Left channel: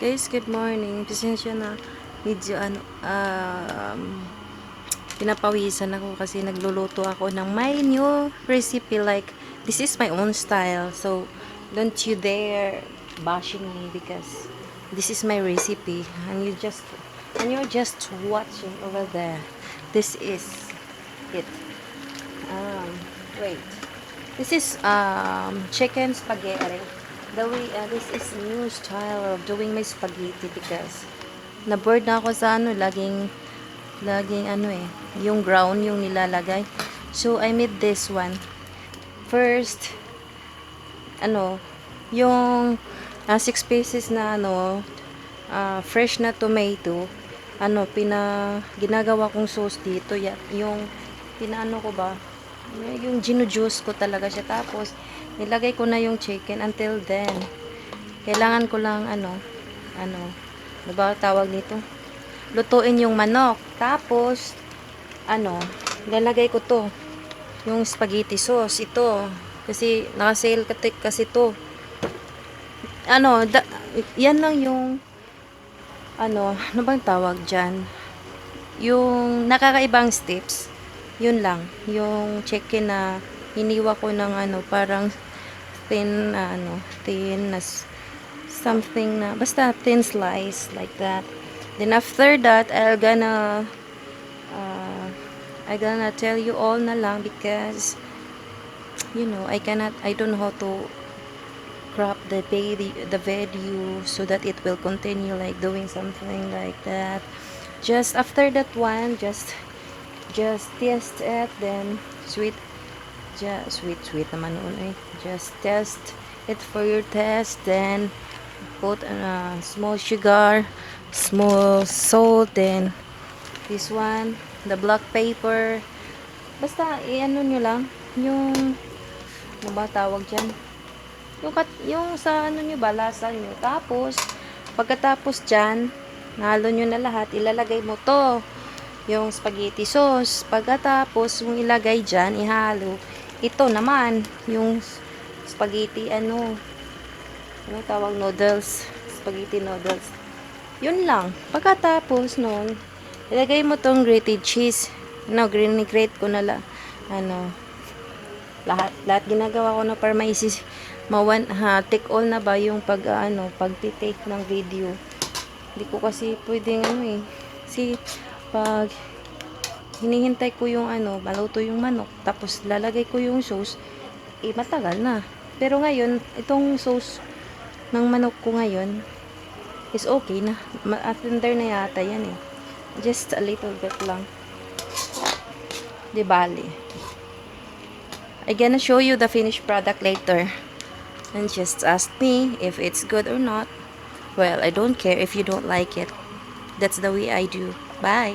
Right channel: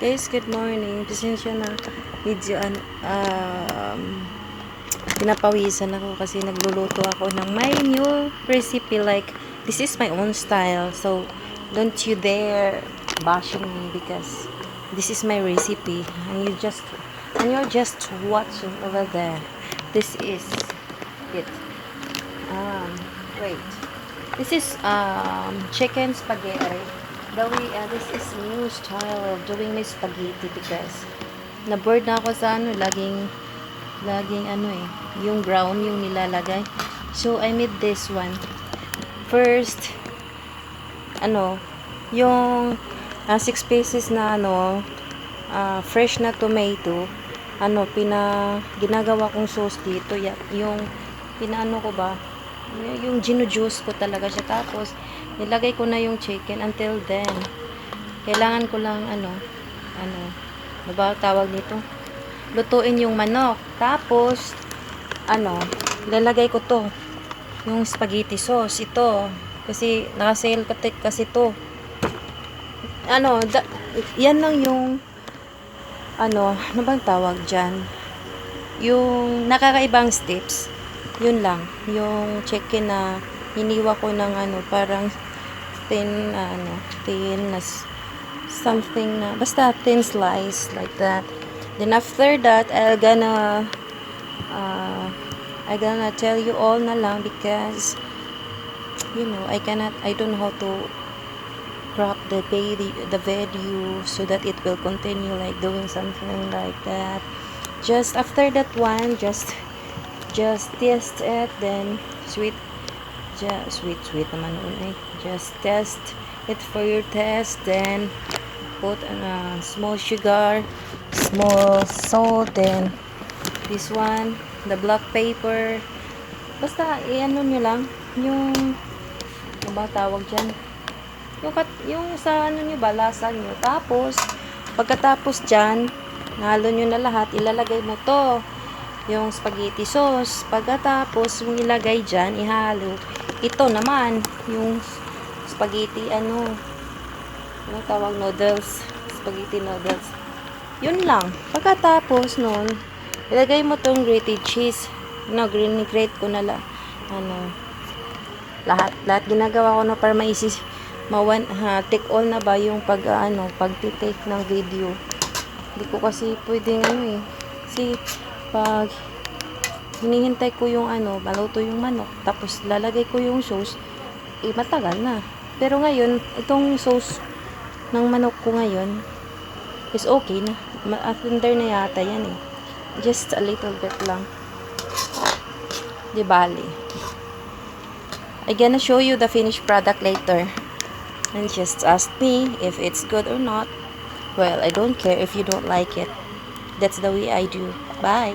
Guys, good morning. Pasensya na. Medyo pinapawisan ako kasi nagluluto ako ng my new recipe. Like, this is my own style. So, don't you dare bashing me because this is my recipe. And you're just watching over there. This is it. Wait. This is chicken spaghetti. This is new style of doing my spaghetti because na-bored na ako sa laging yung brown yung nilalagay. So, I made this one. First, yung 6 pieces na fresh na tomato, ginagawa kong sauce dito. Yung ko ba, yung ginu-juice ko talaga siya. Tapos, nilagay ko na yung chicken. Until then, kailangan ko lang ano ba tawag nito? Lutuin yung manok. Tapos, lalagay ko to, yung spaghetti sauce. Ito, kasi naka-sale kasi to. Yan lang yung ano bang tawag dyan? Yung nakakaibang steps. Yun lang. Yung chicken na hiniwa ko ng parang thin na something na basta thin slice like that. Then after that, I'm gonna tell you all na lang because I don't know how to crop the video so that it will continue like doing something like that. Just after that one, just test it, then sweet naman yun. Just test it for your test, then put small sugar, small salt, then this one, the black pepper. Basta nyo lang yung ba tawag dyan, yung sa nyo ba, lasa nyo. Tapos pagkatapos dyan, nahalo nyo na lahat, ilalagay mo to yung spaghetti sauce. Pagkatapos mo ilagay dyan, ihalo. Ito naman, yung spaghetti, tawag, noodles. Spaghetti noodles. Yun lang. Pagkatapos nun, ilagay mo tong grated cheese. Grate ko na lang. Lahat ginagawa ko na para take all na ba yung pag-take ng video. Hindi ko kasi pwedeng kasi pag hinihintay ko yung baluto yung manok, tapos lalagay ko yung sauce, matagal na. Pero ngayon, itong sauce ng manok ko ngayon is okay na. Tender na yata yan just a little bit lang, di bali. I'm gonna show you the finished product later, and just ask me if it's good or not. Well, I don't care if you don't like it. That's the way I do. Bye.